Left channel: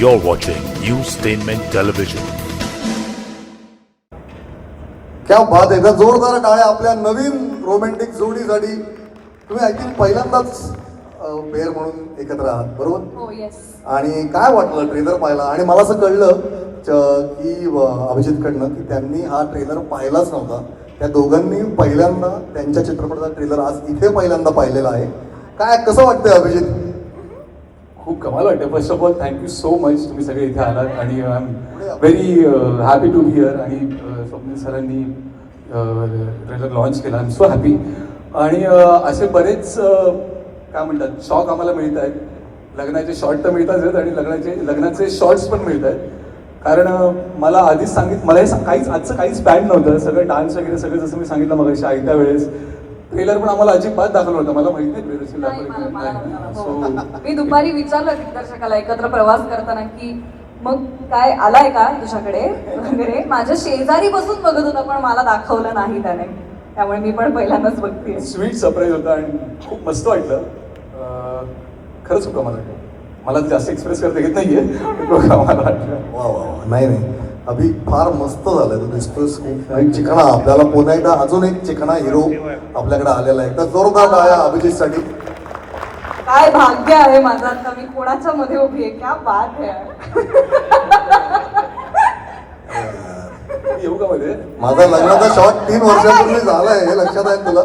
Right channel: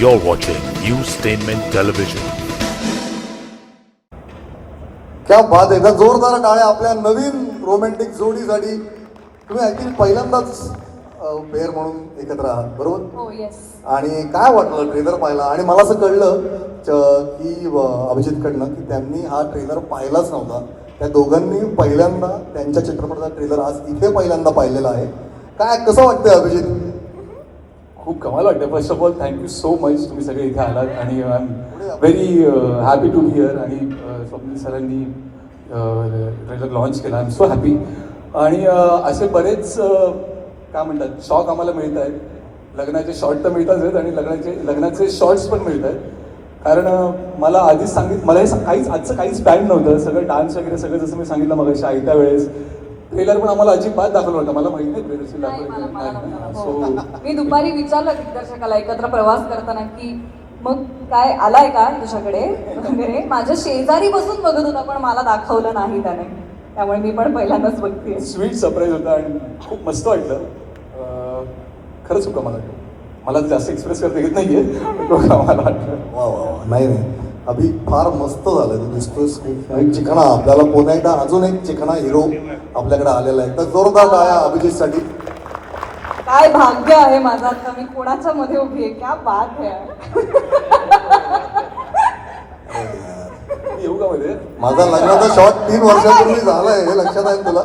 You're watching Newstainment Television. क्या बात आहे. जोरदार टाळ्या आपल्या नवीन रोमॅन्टिक जोडीसाठी. तुम्ही आय थिंक पहिल्यांदाच पेअर म्हणून एकत्र आहात, बरोबर? हो, येस. आणि काय वाटलं ट्रेलर पाहिला? आणि मला असं कळलं की अभिजितकडनं की त्यांनी हा ट्रेलर पाहिलाच नव्हता. त्या दोघांनी पहिल्यांदा त्यांच्या चित्रपटाचा ट्रेलर आज इथे पहिल्यांदा पाहिलेला आहे. काय कसं वाटतंय अभिजित? खूप कमाल वाटतं. First of all thank you so much, तुम्ही सगळे इथे आलात आणि I am very happy to be here. आणि स्वप्नील सरांनी ट्रेलर लॉन्च केला, आय एम सो हॅपी. आणि असे बरेच काय म्हणतात शॉक आम्हाला मिळत आहेत. लग्नाचे शॉर्ट तर मिळतात आहेत आणि लग्नाचे शॉर्ट्स पण मिळत आहेत. कारण मला आधीच मला हे आजचं काहीच प्लॅन नव्हतं. सगळं डान्स वगैरे सगळं जसं मी सांगितलं मगाशी आयत्या वेळेस. ट्रेलर पण आम्हाला अजिबात दाखवलं होतं. मला माहिती नाही हो. मी दुपारी विचारलं दिग्दर्शकाला एकत्र प्रवास करताना की मग काय आलाय का तुझ्याकडे वगैरे. माझ्या शेजारी बसून बघत होता पण मला दाखवलं नाही त्याने. त्यामुळे मी पण पहिल्यांदाच बघते. स्वीट सरप्राईज होता आणि खूप मस्त वाटलं. खरंच होतं मला जास्त एक्सप्रेस करता येत नाहीये. मला वाटलं वा वा. नाही नाही, अभि फार मस्त झालं. तू डिस्कस चिकणा आपल्याला पुन्हा एकदा अजून एक चिकणा हिरो आपल्याकडे आलेला आहे. तर जोरदार टाळ्या अभिजितसाठी. काय भाग्य आहे माझं आता मी कोणाच्या मध्ये उभी आहे. क्या बात आहे. येऊ का मध्ये? माझा लग्नाचा शॉट 3 वर्षापूर्वी झालाय हे लक्षात आहे तुला?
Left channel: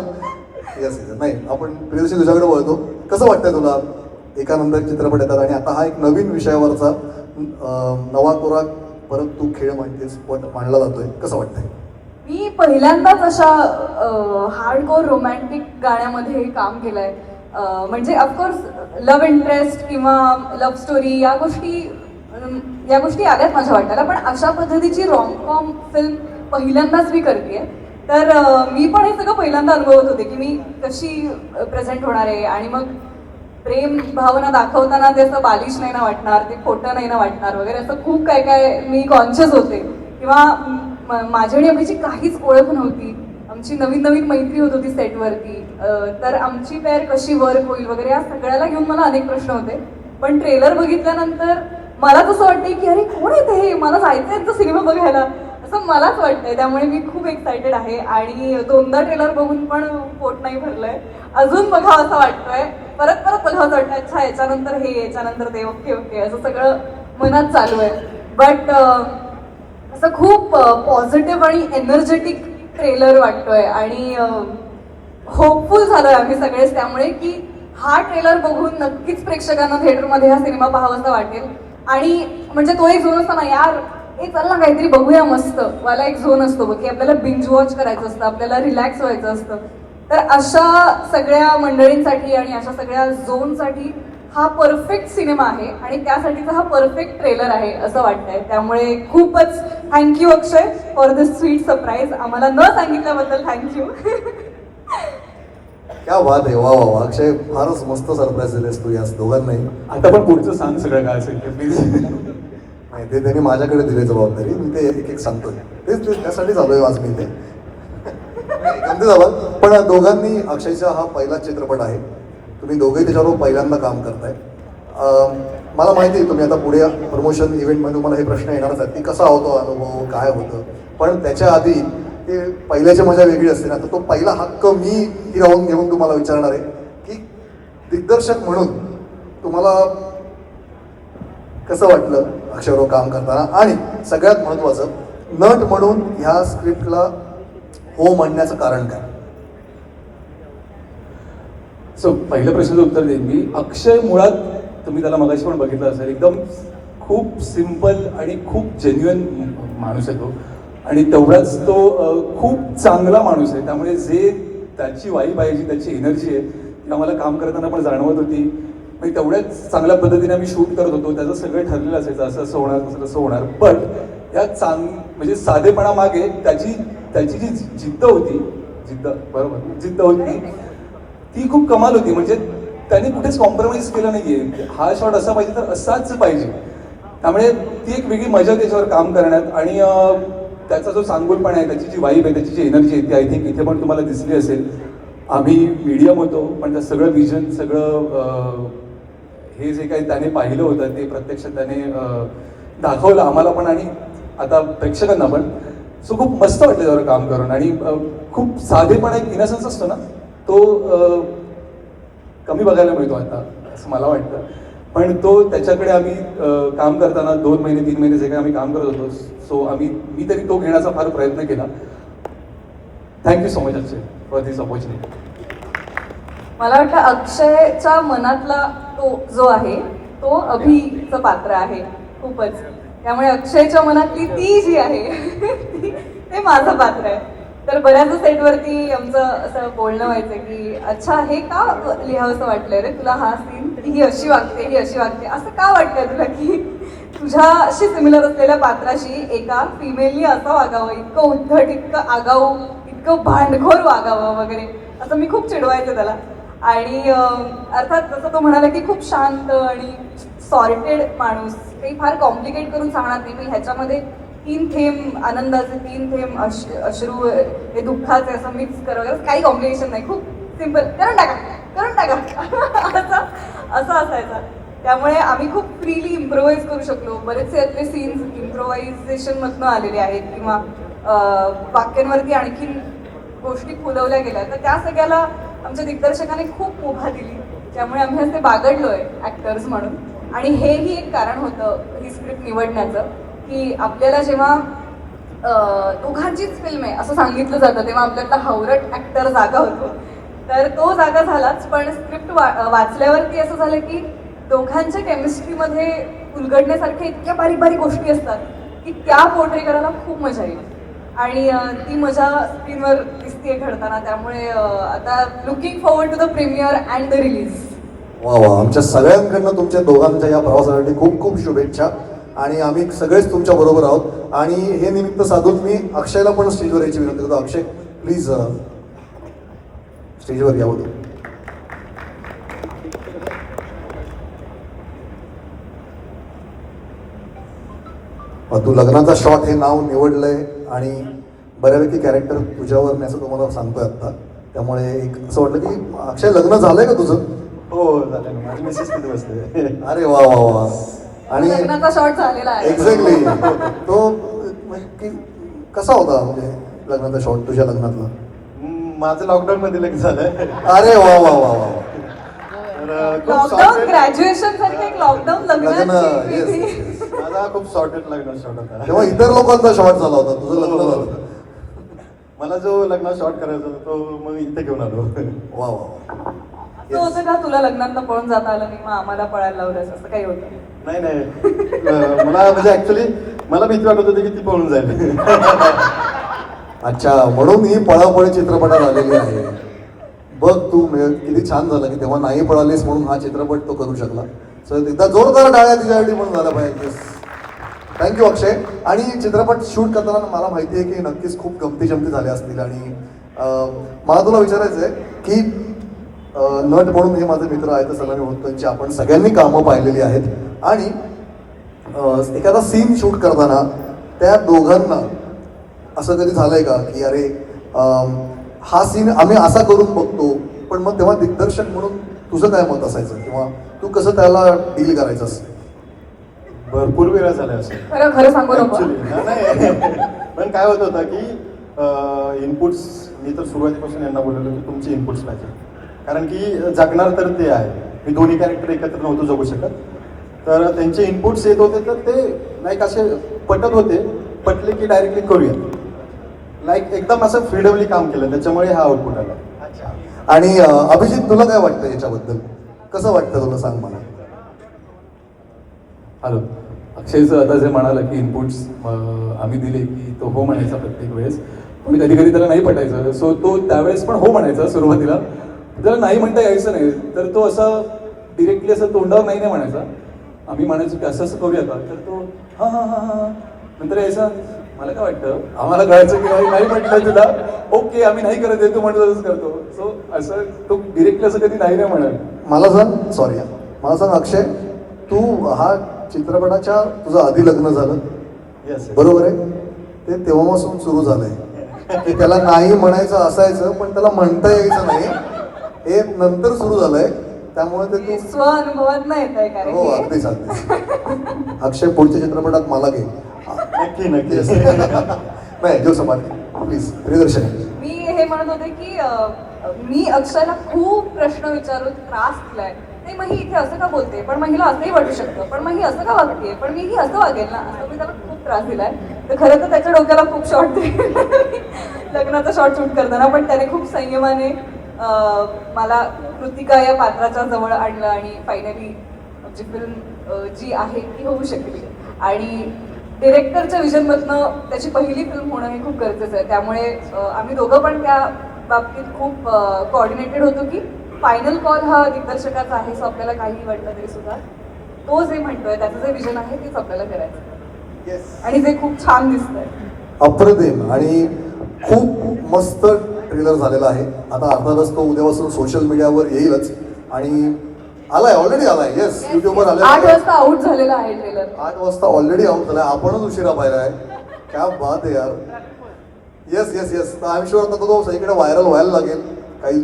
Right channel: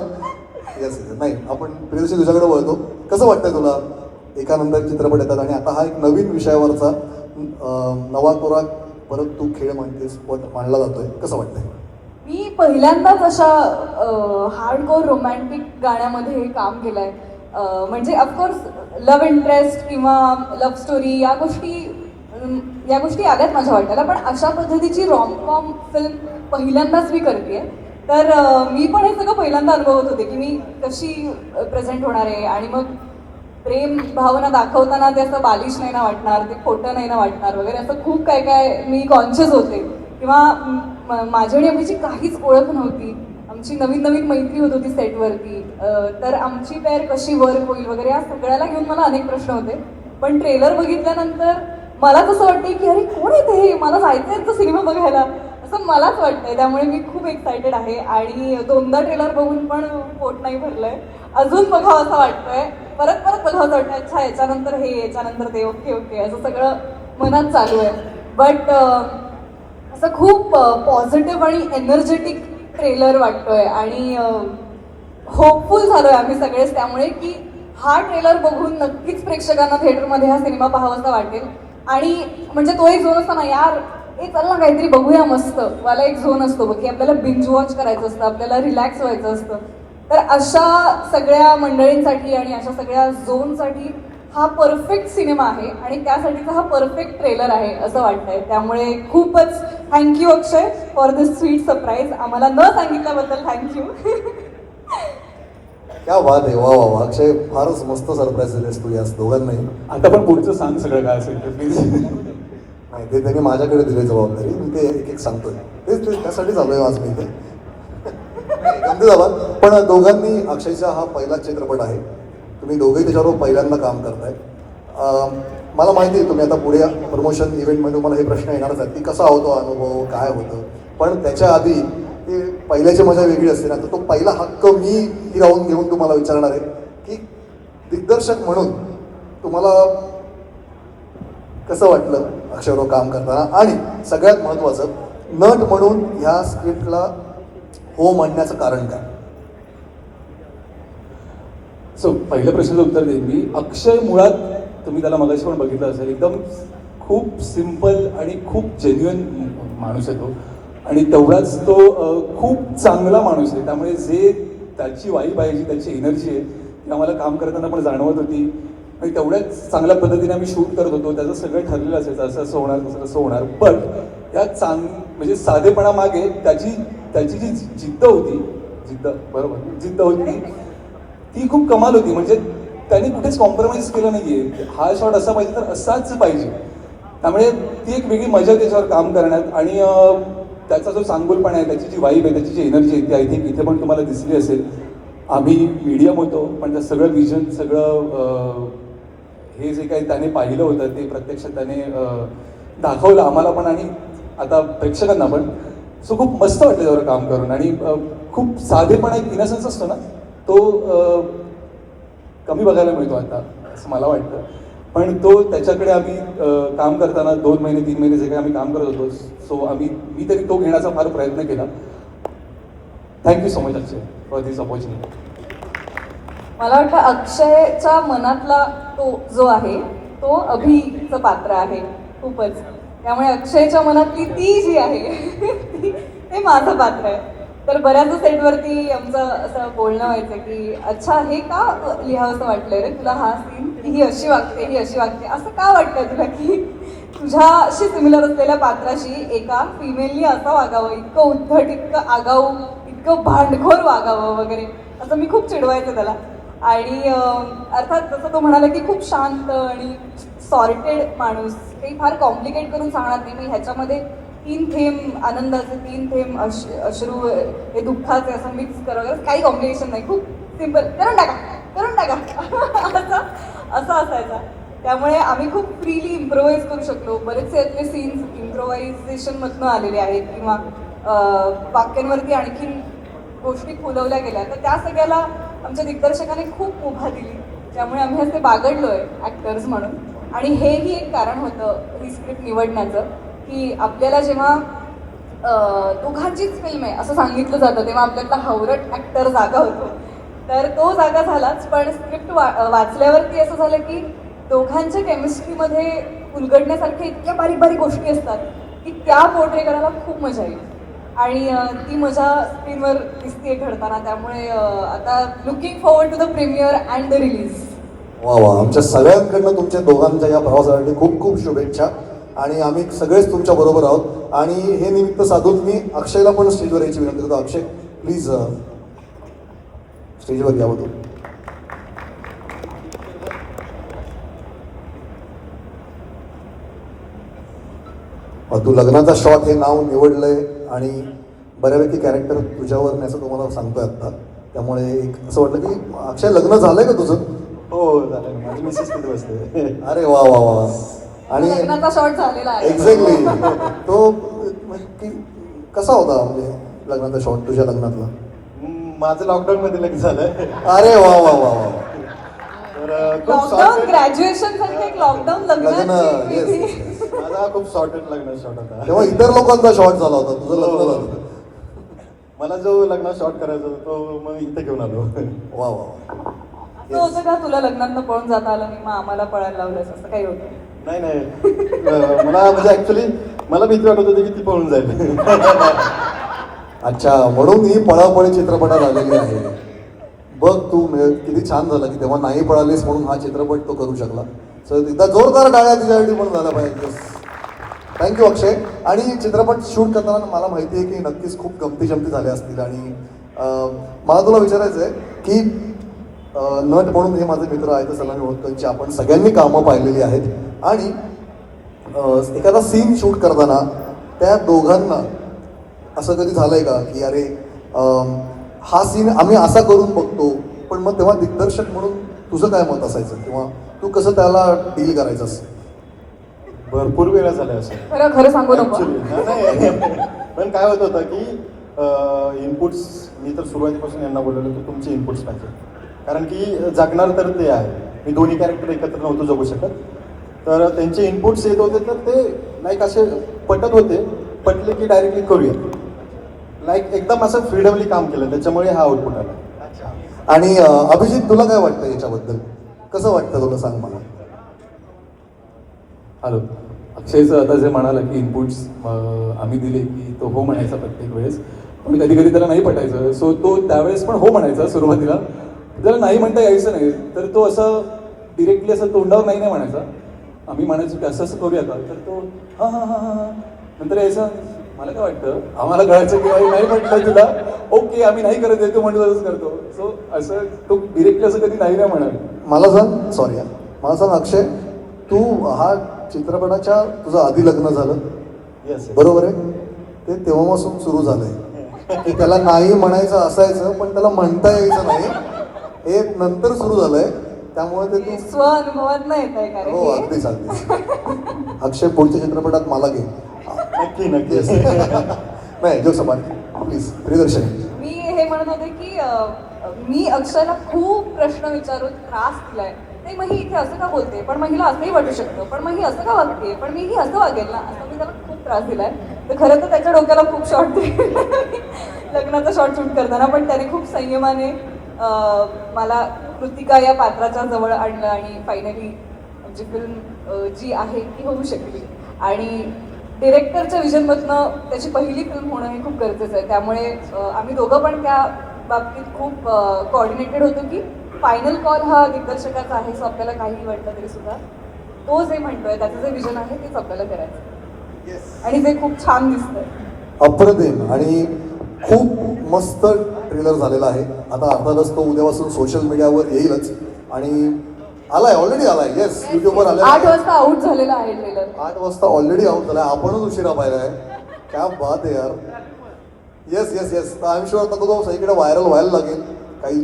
येस. नाही, आपण प्रियदर्शी तुझ्याकडे वळतो. कसं वाटतंय तुला? एकानंतर चित्रपट येतात आणि आता हा एक नवीन विषयावरचा नवा तोरा परत तू खेळ म्हणतेस मांडला जातोय. कसं वाटतंय? मी पहिल्यांदाच अशा हार्डकोर रोमॅन्टिक गाण्यामध्ये काम केलंय. म्हणजे ऑफकोर्स लव्ह इंटरेस्ट किंवा लव्ह स्टोरी या गोष्टी आल्यात माझ्या वाट्याला. पण अशा पद्धतीची रॉमकॉम फिल्म पहिल्यांदाच मी करतेय. तर मी पण हे सगळं पहिल्यांदा अनुभवत होते की मी कशी प्रेझेंट होणार आहे. आणि मग प्रेम भावना दाखवताना ते असं बालिश नाही ना वाटणार, ते खोटं नाही ना वाटणार वगैरे असं खूप काय काय मी कॉन्शियस होते. किंवा माझी आणि अभिची काहीच ओळख नव्हती. आमची नवीन नवीन मैत्री होत होती सेटवरती. तर आमची पेअर कशी वर्क होईल वगैरे या सगळ्याला घेऊन मला अनेक प्रश्न होते. पण ट्रेलर बघितल्यानंतर मला तसं वाटतंय की अरे कोण येते हे, मला जायचंय तो सिनेमा बघायला असं मलाच वाटतंय. त्यामुळे मी खूप एक्सायटेड आहे. आणि 2दा ट्रेलर बघून पण पोट नाही भरलंय. अजून बघावं असं वाटतंय. परत बघावं असं वाटतं. अच्छा याच्यानंतर हे, याच्यानंतर ते, ओके ओके असं सगळं मनात चालू आहे. बट असं खूप पॉझिटिव्ह आणि एनर्जेटिक ट्रेलर वाटतोय. आणि होपफुल झालोय आम्ही सगळेच. त्यामुळे की हा ट्रेलर बघून नक्कीच प्रेक्षकांना थिएटरमध्ये हा सिनेमा पाहावासा वाटेल. आणि म्हणजे तो एक झोन असतो ना यार, हे चल ना काहीतरी बघूया मस्त वाला एक झोन असतो बघ की आपल्याला बिंज वॉच करायचं असतं, आपल्याला रिलॅक्स व्हायचं असतं. तर अशा सगळ्या मंडळींसाठी आणि अशा सगळ्या झोनसाठी हा परफेक्ट सिनेमा आहे. आणि त्यासाठीचा हा परफेक्ट ट्रेलर आहे असं वाटतंय. त्यामुळे खूपच thank you Akshay for this sweet surprise. आम्हाला न सांगितल्याबद्दल थँक्यू. क्या बात आहे. वा वा वा. अक्षय फारच मस्त सरप्राईज दिलेस तू याच दोघांनाही. आता पण पुढचं सांग सगळं काय असेल ते प्लीज. नाही, ते त्यांनी माझ्याकडे दिली जबाबदारी. मी ते एक एक सांगतो. तेच त्यासाठी चालू आज मी ते अगदी झालं. पण दोघांनी अक्षयचा हा पहिला चित्रपट आहे. तुम्ही दोघेही त्याच्यावर पहिल्यांदा काम करताय. मला माहिती आहे तुम्ही आता पुढे प्रमोशन इव्हेंटमध्ये मला हे प्रश्न येणारच आहेत की कसा होतो अनुभव, काय होतं. पण त्याच्या आधी ते पहिल्याची मजा वेगळी असते ना. तर तो पहिला हक्क मी हिरावून घेऊन तुम्हाला विचारणार आहे की दिग्दर्शक म्हणून तुम्हाला कसं वाटलं अक्षयबरोबर काम करताना. आणि सगळ्यात महत्त्वाचं नट म्हणून ह्या स्क्रिप्टला हो म्हणण्याचं कारण काय? सो पहिल्या प्रश्नाचं उत्तर देईन मी. अक्षय मुळात तुम्ही त्याला मगाशी पण बघितलं असेल, एकदम खूप सिम्पल आणि खूप जेन्युइन माणूस आहे तो. आणि तेवढाच तो खूप चांगला माणूस आहे. त्यामुळे जे त्याची वाईब आहे, जी त्याची एनर्जी आहे ती आम्हाला काम करताना पण जाणवत होती. आणि तेवढ्याच चांगल्या पद्धतीने आम्ही शूट करत होतो. त्याचं सगळं ठरलेलं असायचं, असं असं होणार, तसं कसं होणार. पण या म्हणजे साधेपणामागे त्याची जी जिद्द होती, जिद्द होती ती खूप कमाल होती. म्हणजे त्याने कुठेच कॉम्प्रोमाइज केलं नाहीये. हा शॉट असा पाहिजे तर असाच पाहिजे. त्यामुळे ती एक वेगळी मजा त्याच्यावर काम करण्यात. आणि त्याचा जो सांगोलपणा आहे, त्याची जी वाईब आहे, त्याची जी एनर्जी आहे ती आय थिंक इथे पण तुम्हाला दिसली असेल. आम्ही मीडियम होतो पण त्या सगळं विजन, सगळं हे जे काही त्याने पाहिलं होतं ते प्रत्यक्षात त्याने दाखवलं आम्हाला पण आणि आता प्रेक्षकांना पण. सो खूप मस्त वाटलं त्यावर काम करून आणि खूप साधेपणा एक इनसेन्स असतो ना तो कमी बघायला मिळतो आता असं मला वाटतं. पण तो त्याच्याकडे आम्ही काम करताना 2 महिने 3 महिने जे काही आम्ही काम करत होतो सो मी तरी तो घेण्याचा फार प्रयत्न केला. Thank you so much Akshay for this opportunity. मला वाटतं अक्षयच्या मनातला तो जो आहे तो अभिचं पात्र आहे खूपच. त्यामुळे अक्षयच्या मनातली ती जी आहे ते माझं पात्र आहे. तर बऱ्याच सेटवरती आमचं असं बोलणं व्हायचं की अच्छा हे का लिहावंसं वाटलंय रे तुला हा सीन, ही अशी वागते ही अशी वागते, असं का वाटतंय तुला की तुझ्याशी सिमिलर असलेल्या पात्राशी एका फिमेलनी असं वागावं, इतकं उद्धट, इतकं आगाऊ, इतकं भांडखोर वागावं वगैरे, असं मी खूप चिडवायचं त्याला. आणि अर्थात जसं तो म्हणाला की खूप शांत आणि सॉर्टेड माणूस, काही फार कॉम्प्लिकेट करून सांगणार नाही मी. ह्याच्यामध्ये 3 थेंब आनंदाचे, 3 थेंब अश्रू हे दुःखाचे असं मिक्स करावं, काही कॉम्प्लिकेशन नाही, खूप सिम्पल, करून टाका असं असायचा. त्यामुळे आम्ही खूप फ्रीली इम्प्रोव्हाइज करू शकलो. बरेचसे यातले सीन्स इम्प्रोव्हायझेशनमधनं आलेले आहेत किंवा वाक्यांवरती आणखीन गोष्टी खुलवल्या गेल्या. तर त्या सगळ्याला आमच्या दिग्दर्शकाने खूप मुभा दिली, त्यामुळे आम्ही असे बागडलोय ॲक्टर्स म्हणून. आणि हेही एक कारण होतं ही स्क्रिप्ट निवडण्याचं की आपल्याला जेव्हा दोघांचीच फिल्म आहे असं सांगितलं जातं तेव्हा आपल्याला हावरट ॲक्टर जागा होतो. तर तो जागा झालाच, पण स्क्रिप्ट वाचल्यावरती असं झालं की दोघांच्या केमिस्ट्रीमध्ये उलगडण्यासारख्या इतक्या बारीक बारीक गोष्टी असतात की त्या पोर्ट्रे करायला खूप मजा येईल आणि ती मजा स्क्रीनवर दिसते घडताना. त्यामुळे आता looking forward to the premiere and the release. वा वा, आमच्या सगळ्यांकडनं तुमच्या दोघांच्या या प्रवासासाठी खूप खूप शुभेच्छा. आणि आम्ही सगळेच तुमच्या बरोबर आहोत. आणि हे निमित्त साधून मी अक्षयला पण स्टेजवर यायची विनंती करतो. अक्षय प्लीज स्टेजवर यावं. तू लग्नाचा शॉट हे नाव निवडलंय आणि बऱ्यापैकी कॅरेक्टर तुझ्यावर नाही असं तुम्हाला सांगतोय आता. त्यामुळे एक असं वाटलं की अक्षय लग्न झालंय का तुझं? हो झालं, माझी मिसेस किती बसते. अरे वा वा वा. आणि लग्नाचा शॉट झालेला आहे. एक्झॅक्टली तो की कसा होता म्हणजे लग्नाचा शॉट तुझ्या लग्नातला? माझं लॉकडाऊन मध्ये लग्न झालं. अरे वा वा वा वा. तर खूप लॉकडाऊन सॉर्टेड, ग्रॅज्युएशन सारखं एक लॉकडाऊन लग्न, लग्नाची yes, विधी. yes. माझा खूप सॉर्टेड लग्न शॉट होता. तेव्हा इतर लोकांचा शॉट झाला होता, तुझं लग्न झालं. मला जो लग्न शॉट करायचा होता तो मग इथे घेऊन आलो. वा वा. असं होतं का तुला लग्नात पळून जाता आलं नाही मग आम्हाला पळायला लावलं असं काही होतं? नाही मला म्हणजे ऍक्च्युली मला भीती वाटत होती की ती पळून जाईल. अच्छा, म्हणून ही पळापळी चित्रपटात आलेली आहे. बघ तू किती छान झालं की तेव्हा नाही पळालीस म्हणून हा चित्रपट तो करू शकला. सो एकदा जोरदार टाळ्या तिच्यासाठी पण झाला पाहिजे. थँक्यू अक्षय. आणि चित्रपट शूट करताना मला माहिती आहे की नक्कीच खूप गमती जमती झाल्या असतील. आणि मला तुला विचारायचं आहे की नट म्हणून हे माझे मित्र आहेत सलामी होतकरची आपण सगळ्यांनी कामं पाहिलेली आहेत. आणि एखादा सीन शूट करताना त्या दोघांना असं कधी झालंय का की अरे हा सीन आम्ही असा करून बघतो, पण मग तेव्हा दिग्दर्शक म्हणून तुझं काय मत असायचं किंवा तू कसं त्याला डील करायचंस? भरपूर वेळा झालं असं खरं सांगू नको. ऍक्च्युली. नाही पण काय होत होतं की इनपुट्स मी तर सुरुवातीपासून यांना बोललो की तुमचे इनपुट्स पाहिजे, कारण की जगणार तर ते आहे. मी दोन्ही कॅरेक्टर एकत्र नव्हतो जगू शकत. तर त्यांचे इनपुट्स येत होते तर ते लाईक असे पटत होते, पटले की डायरेक्टली करूया. लाईक एकदम असं फ्रीडमली काम केलं, त्याच्यामुळे हा आउटपुट आला. आणि अभिजित तुला काय वाटतं याच्याबद्दल? कसं वाटतं तुला, सांग मला. हॅलो, अक्षयचं आता जे म्हणाला की इनपुट्स आम्ही दिले की तो हो म्हणायचा प्रत्येक वेळेस, पण कधी कधी त्याला नाही पटायचं. सो तो त्यावेळेस पण हो म्हणायचा सुरुवातीला. त्याला नाही म्हणता यायचं नाही तर तो असं डिरेक्टली असं तोंडावर नाही म्हणायचा. आम्ही म्हणायचो की असं असं करूया का, तर तो हां हां हां हां नंतर यायचा मला काय वाटतं, आम्हाला कळायचं की नाही म्हटलं तुला ओके आम्ही नाही करत आहे, तू म्हणतो तसंच करतो. सो असं तो डिरेक्टली असं कधी नाही म्हणाल. मला सांग, सॉरी मला सांग अक्षय, तू हा चित्रपटाच्या तुझं आधी लग्न झालं येस बरोबर आहे? ते तेव्हापासून सुरू झालंय की त्याला नाही म्हणायचं असायचं पण त्याला म्हणता यायचं नाही, हे नंतर सुरू झालंय. त्यामुळे ते हे तू स्व अनुभवात नाही येत आहे कारण हो की अगदीच अगदीच अक्षय पुढच्या चित्रपटात मला घे नक्की नक्की Yes. नाही जो सपाट प्लीज प्रियदर्शन मी हे म्हणत होते की मी अक्षयला खूप प्रश्न विचारून त्रास दिलाय. नाही मग ही इथे असं का बोलते, पण मग हिला असंही वाटू शकतं, पण मग ही असं का वागते, पण मी ही असं वागेल ना, असं मी त्याला खूप त्रास दिलाय. तर खरं तर त्याच्या डोक्याला खूप शॉर्ट लग्नाचा शॉर्ट शूट करताना, पण त्याने खूप संयमाने मला कृतिका या पात्राच्या जवळ आणलं आणि फायनली जी फिल्म जी आहे ती होऊ शकली. आणि डिरेक्टरच्या विजनमधनं त्याची पहिली फिल्म होणं हे खूप गरजेचं आहे. त्यामुळे आम्ही दोघं पण त्या बाबतीत खूप कोऑर्डिनेटेड होतो की फायनल कॉल हा दिग्दर्शकाचा आहे. सो आपल्याला काही वाटलं तरी सुद्धा तो जे म्हणतोय त्याचं जे विजन आहे तेच आपल्याला करायचं आणि जे खूप छान दिसतंय. अप्रतिम आणि खूप मस्त ट्रेलर झालेला आहे. आता अर्थातच तो उद्यापासून सोशल मीडियावर येईलच आणि आलाय ऑलरेडी आलाय. येस युट्यूबवर 8 आलाय. वाजता आउट झालेला आहे ट्रेलर. 8 वाजता ऑलरेडी आउट झालाय. आपणच उशिरा पाहिलाय. क्या बात आहे यार. Yes yes yes I am sure आता तो सगळीकडे व्हायरल व्हायला लागेल. काही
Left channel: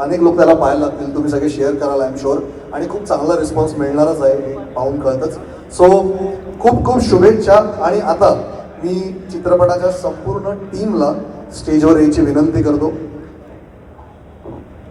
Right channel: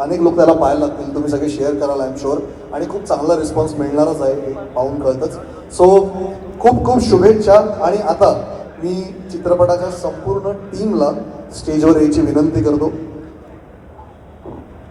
अनेक लोक त्याला पाहायला लागतील. तुम्ही सगळे शेअर कराल आय एम शुअर आणि खूप चांगला रिस्पॉन्स मिळणारच आहे हे पाहून कळतंच. सो खूप खूप शुभेच्छा. आणि आता मी चित्रपटाच्या संपूर्ण टीमला स्टेजवर यायची विनंती करतो.